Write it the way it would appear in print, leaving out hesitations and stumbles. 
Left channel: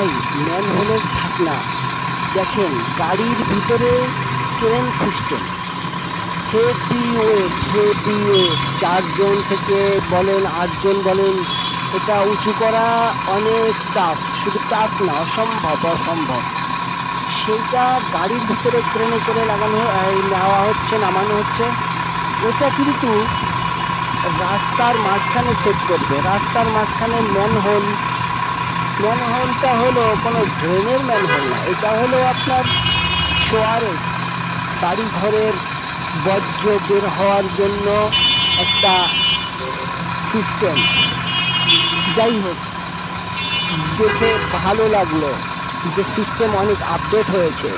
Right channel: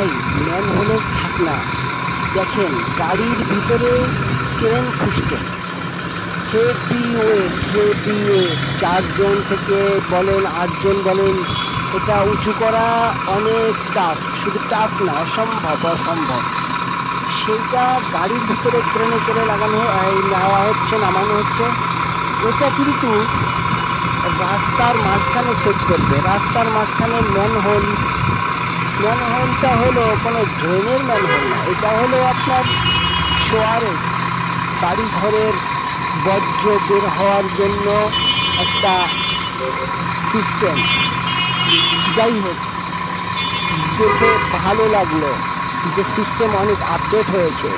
ভাই ম্যানহোলের ঢাকনা দেখেন, গাড়ির ভিতরে ক্রেন সিস্টেম, হেভি ওয়েট 4 জন থেকে বলেন 8 জন বলেন, এটা উঁচু করা অনেক টাফ, শুধু টাফ না, অসম্ভব। সেইটা গাড়ির ভিতরে ক্রেনে করে নেওয়া হচ্ছে, নামানো হচ্ছে। এটা কিন্তু রাস্তার মাঝখানে সেট করবে, রাস্তার মাঝখানে ম্যানহোলটা হলো কোনো ড্রেনের ম্যানহোল না, এটা হলো আপনার সোয়ারেজ, বাড়ি ঘরের বর্জ্য বের হওয়ার জন্য একটা সিস্টেম। যাই হোক, দেখে ভালো লাগলো যে সিস্টেম অনেক আপডেট হয়েছে।